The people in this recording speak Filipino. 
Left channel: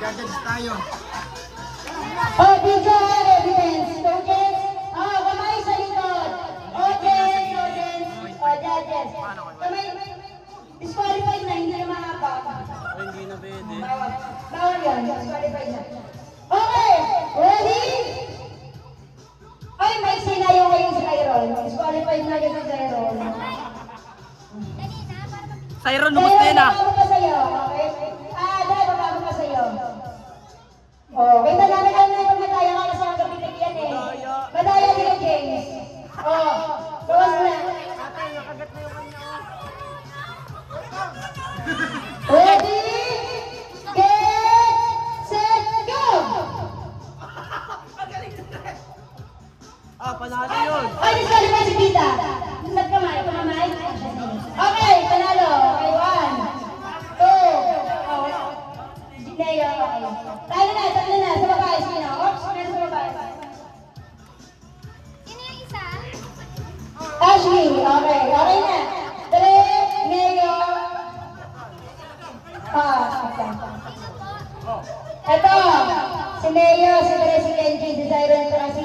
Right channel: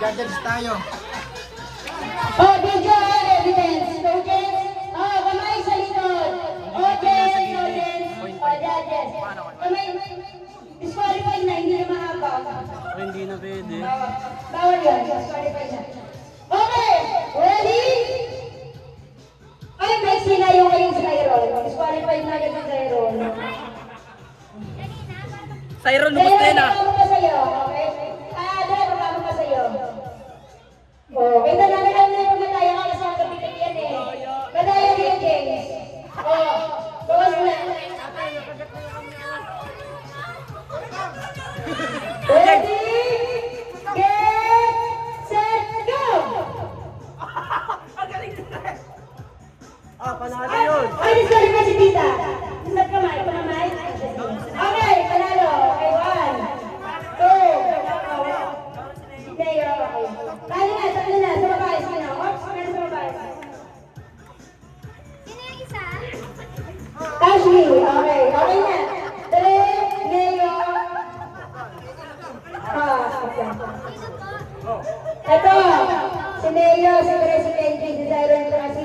Judges tayo. Oh, video evidence. Audience. Oh, kamay sa likod. Audience, audience. Oh, judges. Kamay. Disqualified na, hindi na mahaba. Hindi na pwede. Bawal yun. Disqualified na. Okay. Ready? Ay, may sila yung ayun sa Iron. Disqualified na yung sa Iron. Sayron, lubos na yun ah. Dala, sa'yo. Okay? Dala, bababa pa sa'yo. Oh, kita namin ang nila pamataya ka sa kapitid yan eh. Madaya din yung James. Oh, gawas na. Ready? Get, set, go! Panalo yun. Ay, disqualify si Tita. Sa kamay, kamay. Okay, panalo. Okay, 1, 2. Neo, okay. Tayo na, tatlo na. Sa babae, sino? Oops, sino sa babae? Sino yung isa? Ashley, okay. Okay na. 3, Neo. Okay. Ito, si Neo, si Tre, si Kenji, si Siren, si